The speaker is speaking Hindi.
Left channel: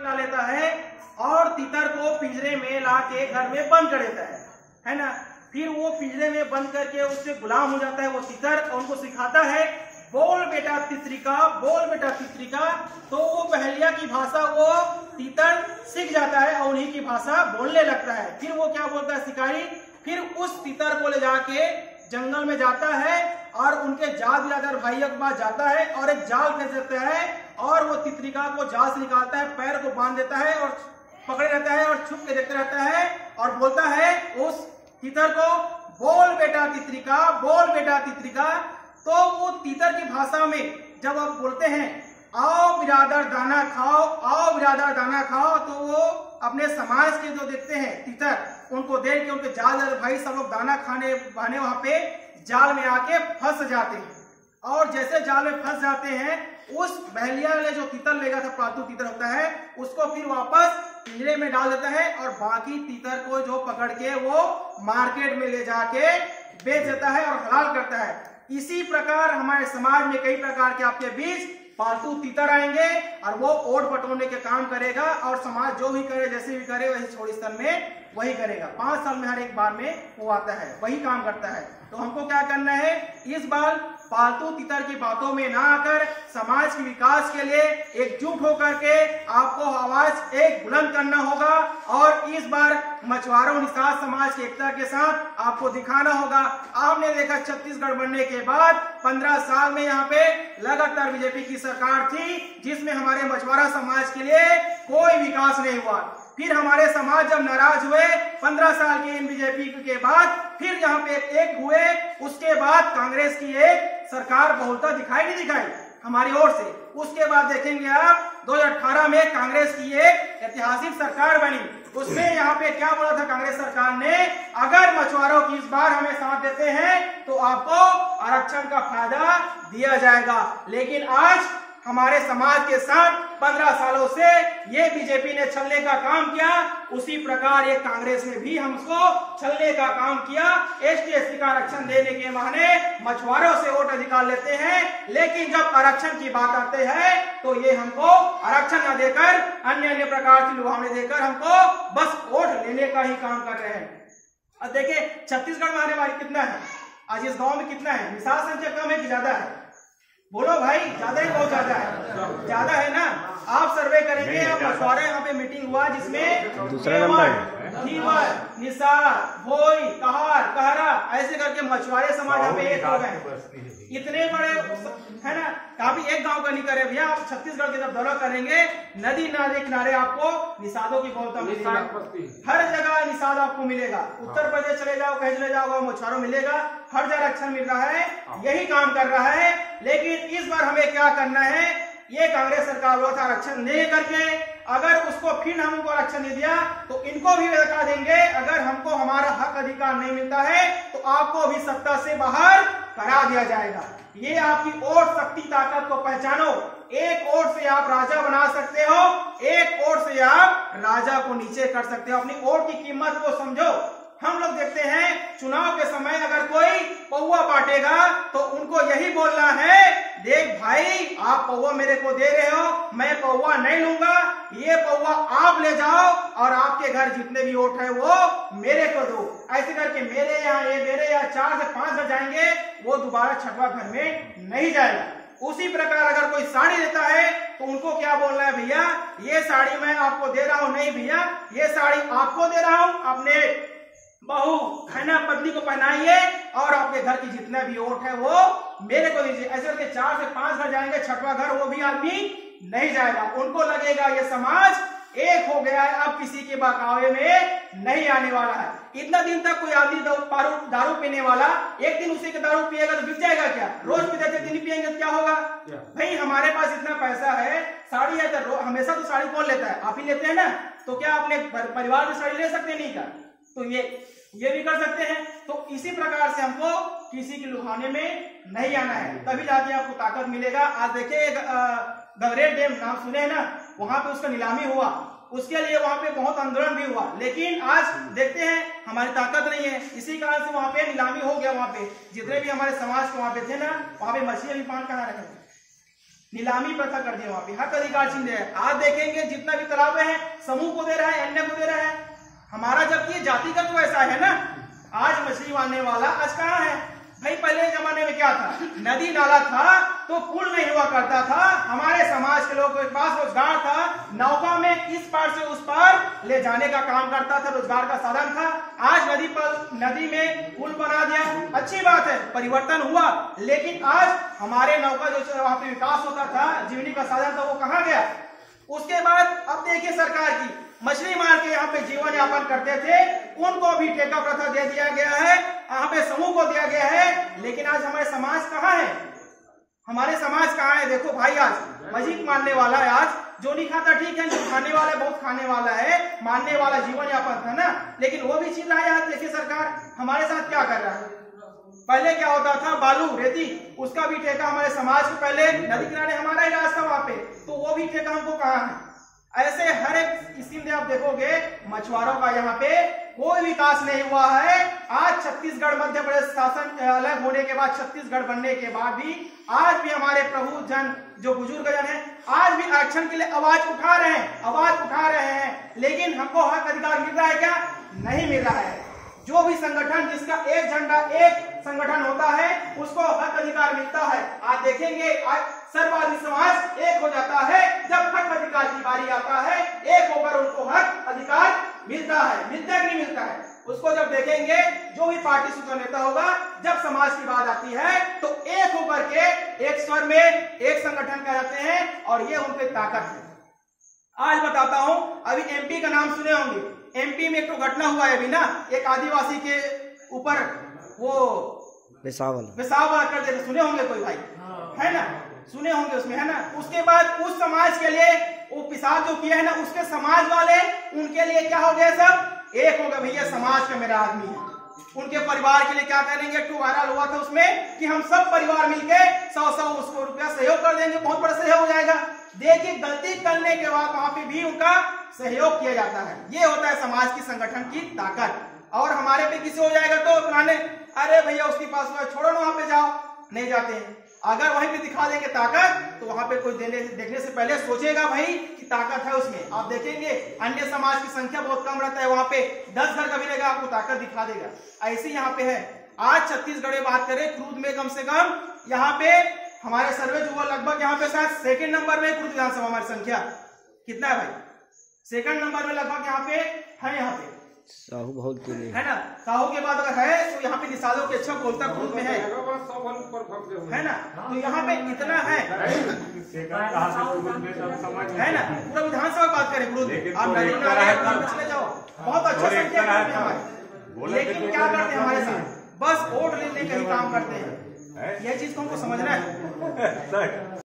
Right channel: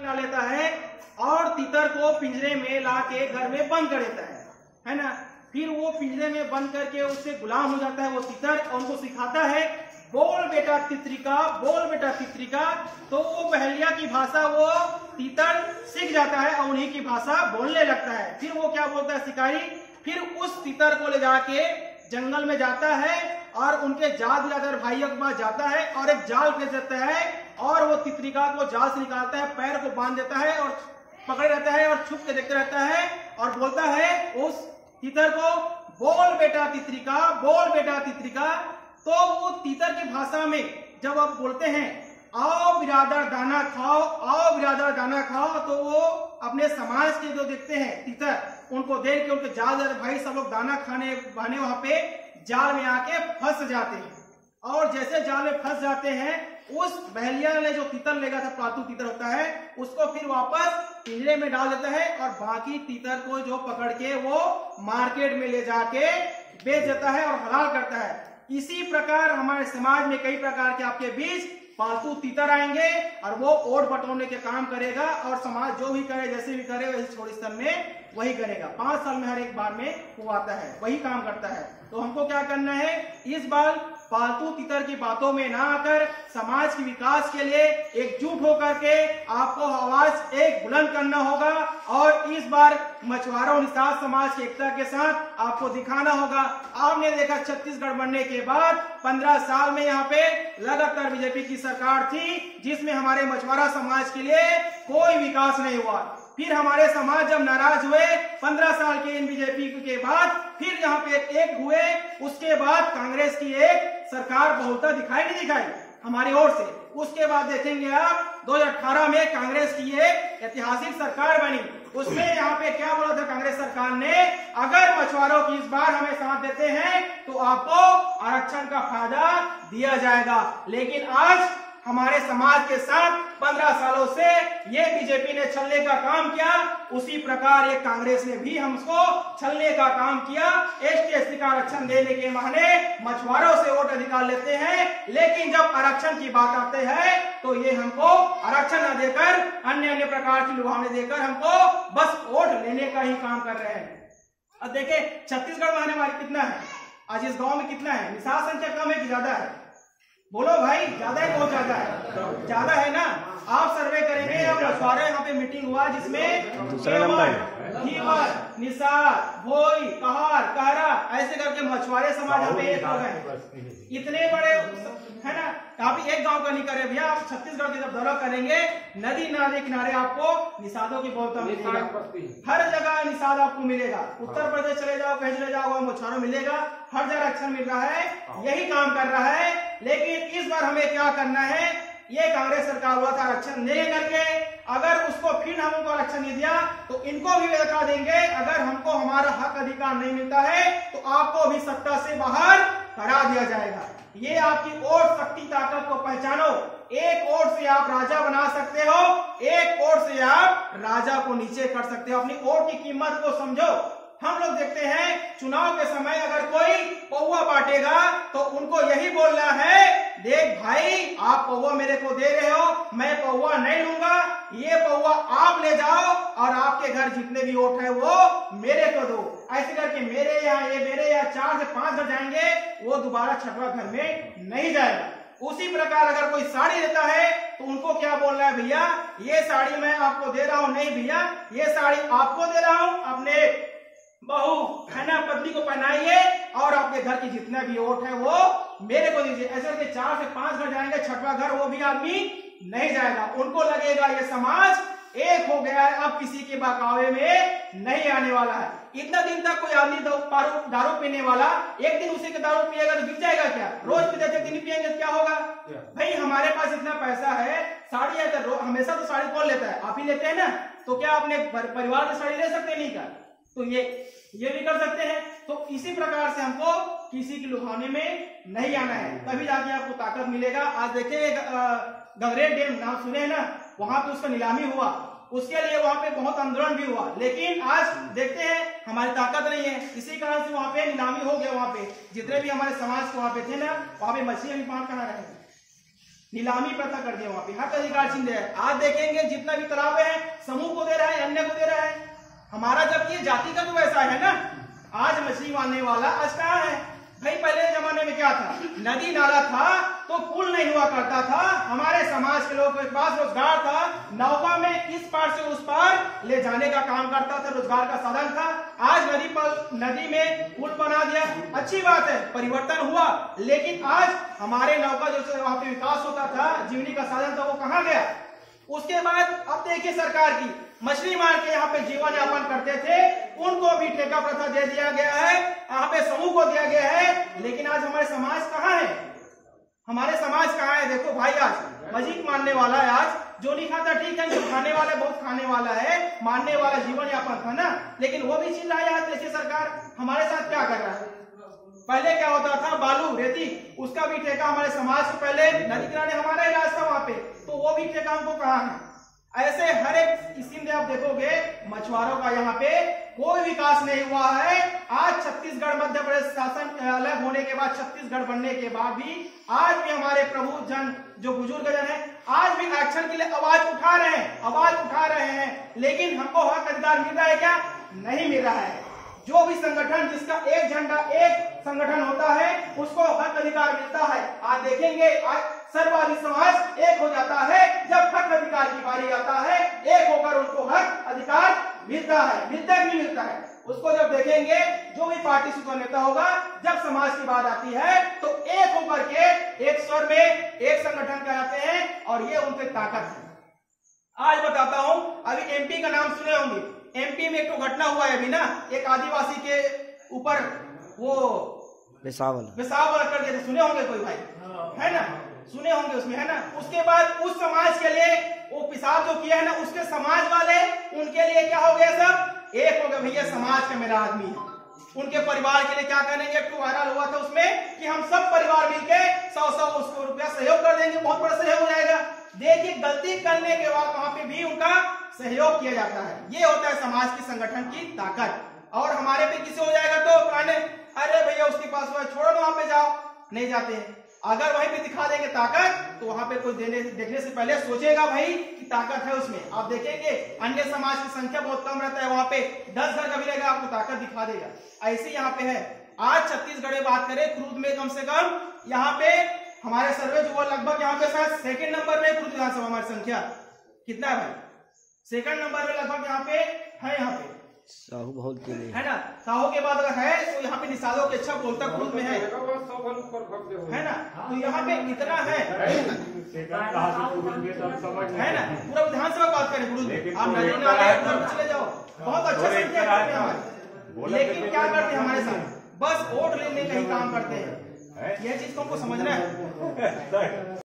ला लेता है और तीतर को पिंजरे में ला के घर में बंद कर देता है ना। फिर वो पिंजरे में बंद करके उससे गुलाम हो जाता है वो तीतर, और उनको सिखाता है बोल बेटा तितरिका, बोल बेटा तितरिका। तो वो बहेलिया की भाषा वो तीतर सीख जाता है और उन्हीं की भाषा बोलने लगता है। फिर वो क्या बोलता है शिकारी, फिर उस तीतर को ले जाके जंगल में जाता है और उनके जाल बिरादर भाइयों के पास जाता है और एक जाल फेंक देता है और वो तितरिका को जाल से निकालता है, पैर को बांध देता है और पकड़े रहता है और छुप के देखते रहता है और बोलता है उस तीतर को बोल बेटा तितरिका, बोल बेटा तितरिका। तो वो तीतर की भाषा में जब आप बोलते हैं आओ बिरादर दाना खाओ, आओ बिरादर दाना खाओ, तो वो अपने समाज के जो देखते हैं तीतर उनको देख के उनके जाल भाई सब लोग दाना खाने बहाने वहां पे जाल में आके फंस जाते हैं। और जैसे जाल में फंस जाते हैं उस बहेलिया ने जो तीतर ले गया था, पालतू तीतर होता है, उसको फिर वापस पिंजरे में डाल देता है और बाकी तीतर को जो पकड़ के वो मार्केट में ले जाके बेच देता है और हलाल करता है। इसी प्रकार हमारे समाज में कई प्रकार के आपके बीच पालतू तीतर आएंगे और वो ओट बटोरने के काम करेगा और समाज जो भी करे जैसे भी करे वही छोड़ी स्तन में वही करेगा। 5 साल में हर एक बार में वो आता है, वही काम करता है। तो हमको क्या करना है, इस बार पालतू तीतर की बातों में ना आकर समाज के विकास के लिए एकजुट होकर के आपको आवाज एक बुलंद करना होगा और इस बार मछुआरों निषाद समाज की एकता के साथ आपको दिखाना होगा। आपने देखा छत्तीसगढ़ बनने के बाद 15 साल में यहाँ पे लगातार बीजेपी की सरकार थी जिसमें हमारे मछुआरा समाज के लिए कोई विकास नहीं हुआ। फिर हमारे समाज जब नाराज हुए 15 साल के इन बीजेपी के बाद, फिर यहाँ पे एक हुए, उसके बाद कांग्रेस की एक सरकार बहुलता दिखाई नहीं दिखाई हमारी ओर से। उसके बाद देखेंगे आप 2018 में कांग्रेस की एक ऐतिहासिक सरकार बनी। उसमें यहाँ पे क्या बोला था कांग्रेस सरकार ने, अगर मछुआरों की इस बार हमें साथ देते हैं तो आपको आरक्षण का फायदा दिया जाएगा। लेकिन आज हमारे समाज के साथ 15 सालों से ये बीजेपी ने छलने का काम किया, उसी प्रकार ये कांग्रेस ने भी हमको छलने का काम किया। एसटी का आरक्षण देने के बहाने मछुआरों से वोट अधिकार लेते हैं, लेकिन जब आरक्षण की बात आते हैं तो ये हमको आरक्षण न देकर अन्य प्रकार की लुभावने देकर हमको बस वोट लेने का ही काम कर रहे हैं। अब देखिए छत्तीसगढ़ में आने वाली कितना है, आज इस गाँव में कितना है, निषाद संख्या कम है कि ज्यादा है? बोलो भाई, ज्यादा ही बहुत ज्यादा है, ज्यादा है ना। आप सर्वे करेंगे, आप मछुआरा यहाँ पे मीटिंग हुआ जिसमें दूसरा नंबर निषाद, भोई, कहार, कहरा ऐसे करके मछुआरे समाज यहाँ पे एक हो गए। इतने बड़े है ना, अभी एक गांव का नहीं करे भैया, आप छत्तीसगढ़ की जब दौरा करेंगे नदी नाले किनारे आपको निषादों की बहुलता मिलेगा, हर जगह निषाद आपको मिलेगा। उत्तर प्रदेश चले जाओ, कहीं चले जाओ मछुआरों मिलेगा, हर जगह आरक्षण मिल रहा है, यही काम कर रहा है। लेकिन इस बार हमें क्या करना है, ये कांग्रेस सरकार बोला था आरक्षण नहीं करके, अगर उसको फिर हमको आरक्षण नहीं दिया तो इनको भी बता देंगे, अगर हमको हमारा हक अधिकार नहीं मिलता है तो आपको भी सत्ता से बाहर करा दिया जाएगा। ये आपकी वोट शक्ति ताकत को पहचानो। एक वोट से आप राजा बना सकते हो, एक वोट से आप राजा को नीचे कर सकते हो। अपनी वोट की कीमत को समझो। हम लोग देखते हैं चुनाव के समय अगर कोई पौवा बांटेगा तो उनको यही बोलना है, देख भाई आप पौवा मेरे को दे रहे हो, मैं पौवा नहीं लूंगा, ये पौवा आप ले जाओ और आपके घर जितने भी वोट है वो मेरे को दो। ऐसे करके मेरे यहाँ 4 से 5 घर जाएंगे, वो दोबारा 6वां घर में नहीं जाएगा। उसी प्रकार अगर कोई साड़ी देता है तो उनको क्या बोलना है, भैया ये साड़ी मैं आपको दे रहा हूं, नहीं भैया ये साड़ी आपको दे रहा हूं, अपने बहू है ना पत्नी को पहनाइए और आपके घर की जितना भी वोट है वो मेरे को दीजिए। ऐसे करके 4 से 5 घर जाएंगे, 6वां घर वो भी आदमी नहीं जाएगा। उनको लगेगा ये समाज एक हो गया है, अब किसी के बहकावे में नहीं आने वाला है। इतना दिन तक कोई आदमी दारू पीने वाला एक दिन उसी के दारू पिएगा तो बिक जाएगा क्या? रोज पीते थे दिन पिएंगे तो क्या होगा? भाई हमारे पास इतना पैसा है, साड़ी है तो हमेशा तो साड़ी कौन लेता है, आप ही लेते हैं ना, तो क्या अपने परिवार में साड़ी ले सकते नहीं क्या? तो ये भी कर सकते हैं। तो इसी प्रकार से हमको किसी के लुभाने में नहीं आना है, तभी जाके आपको ताकत मिलेगा। आज देखिए गगरेट डैम नाम सुने हैं ना, वहां पे उसका नीलामी हुआ, उसके लिए वहां पे बहुत आंदोलन भी हुआ, लेकिन आज देखते हैं हमारी ताकत नहीं है, इसी कारण से वहां पे नीलामी हो गया। वहां पे जितने भी हमारे समाज के वहां पे थे ना, वहां पे मछली पान कहाँ रखे नीलामी प्रथा कर दिया, वहां पे हक अधिकार छीन रहे हैं। आज देखेंगे जितना भी तालाबे हैं समूह को दे रहा है, अन्य को दे रहा है हमारा, जबकि ये जाति का तो वैसा है ना। आज मछली मारने वाला आज कहाँ है भाई? पहले जमाने में क्या था, नदी नाला था तो पुल नहीं हुआ करता था, हमारे समाज के लोगों के पास रोजगार था, नौका में इस पार से उस पार ले जाने का काम करता था, रोजगार का साधन था। आज नदी में पुल बना दिया, अच्छी बात है, परिवर्तन हुआ, लेकिन आज हमारे नौका जो वहां पे विकास होता था, जीवनी का साधन था, वो कहाँ गया? उसके बाद अब देखिए सरकार की मछली मार के यहाँ पे जीवन यापन करते थे, उनको भी ठेका प्रथा दे दिया गया है, यहाँ पे समूह को दिया गया है। लेकिन आज हमारे समाज कहाँ है? हमारे समाज कहाँ है? देखो भाई, आज मछली मारने वाला है, आज जो नहीं खाता ठीक है, जो खाने वाला बहुत खाने वाला है, मारने वाला जीवन यापन था ना, लेकिन वो भी चीज रहा है। देखिए सरकार हमारे साथ क्या कर रहा है। पहले क्या होता था, बालू रेती, उसका भी ठेका हमारे समाज को, पहले नदी किनारे हमारा ही राज था वहां पे, तो वो भी ठेका हमको कहाँ है? ऐसे हर एक स्कीम में आप देखोगे मछुआरों का यहाँ पे कोई विकास नहीं हुआ है। आज छत्तीसगढ़ मध्य प्रदेश शासन अलग होने के बाद, छत्तीसगढ़ बनने के बाद भी आज भी हमारे प्रभु जन जो बुजुर्ग जन है आज भी आरक्षण के लिए आवाज उठा रहे हैं, लेकिन हमको हक अधिकार मिल रहा है क्या? नहीं मिल रहा है। जो भी संगठन जिसका एक झंडा एक संगठन होता है उसको हक अधिकार मिलता है। आज देखेंगे आज सर्ववादी समाज एक हो जाता है, जब हक अधिकार की बारी आता है एक होकर उनको हक अधिकार मिलता है। मिलता है कि नहीं मिलता है? उसको जब देखेंगे जो भी पार्टी सुपर नेता होगा, जब समाज की बात आती है तो एक होकर के एक स्वर में एक संगठन कहलाते हैं, और ये उनकी ताकत है। आज बताता हूं, अभी एमपी का नाम सुने होंगे, एमपी में एक तो घटना हुआ है अभी ना, एक आदिवासी के ऊपर वो पेशाब कर देते, सुने होंगे कोई भाई, है ना, सुने होंगे उसमें, है ना। उसके बाद उस समाज के लिए वो पेशाब जो किया है ना, उसके समाज वाले उनके लिए क्या हो गया, सब एक हो गए, भैया समाज का मेरा आदमी है। उनके परिवार के लिए क्या करेंगे, एक वायरल हुआ था उसमें कि हम सब परिवार मिलके 100 उसको रुपया सहयोग कर देंगे, बहुत बड़ा सहयोग हो जाएगा। देखिए गलती करने के बाद वहां पे भी उनका सहयोग किया जाता है। ये होता है समाज की संगठन की ताकत। और हमारे पे किसी हो जाएगा तो कहने अरे भैया उसके पास छोड़ो ना, वहां पे जाओ, नहीं जाते हैं। अगर वहीं पे दिखा देंगे ताकत तो वहां पे कोई देखने से पहले सोचेगा भाई कि ताकत है उसमें। आप देखेंगे अन्य समाज की संख्या बहुत कम रहता है, वहां पे 10 घर का भी रहेगा, आपको ताकत दिखा देगा। ऐसे यहाँ पे है। आज छत्तीसगढ़ में बात करें, क्रूज में कम से कम यहाँ पे हमारे सर्वे जो लगभग यहाँ पे शायद सेकंड नंबर में क्रूज विधानसभा हमारी संख्या कितना है भाई? सेकंड नंबर में लगभग यहाँ पे है, यहाँ पे साहू बहुत है ना। साहू के बाद अगर है तो यहाँ पे निषादों के अच्छा बोलता क्रूज में है ना। तो यहाँ पे इतना है ना। पूरा विधानसभा बात करें क्रूज में, आप नदी नाले चले जाओ, बहुत अच्छा संख्या करते हैं हमारे। लेकिन क्या करते हैं हमारे साथ, बस वोट लेने का ही काम करते हैं। यह चीज को हमको समझना है।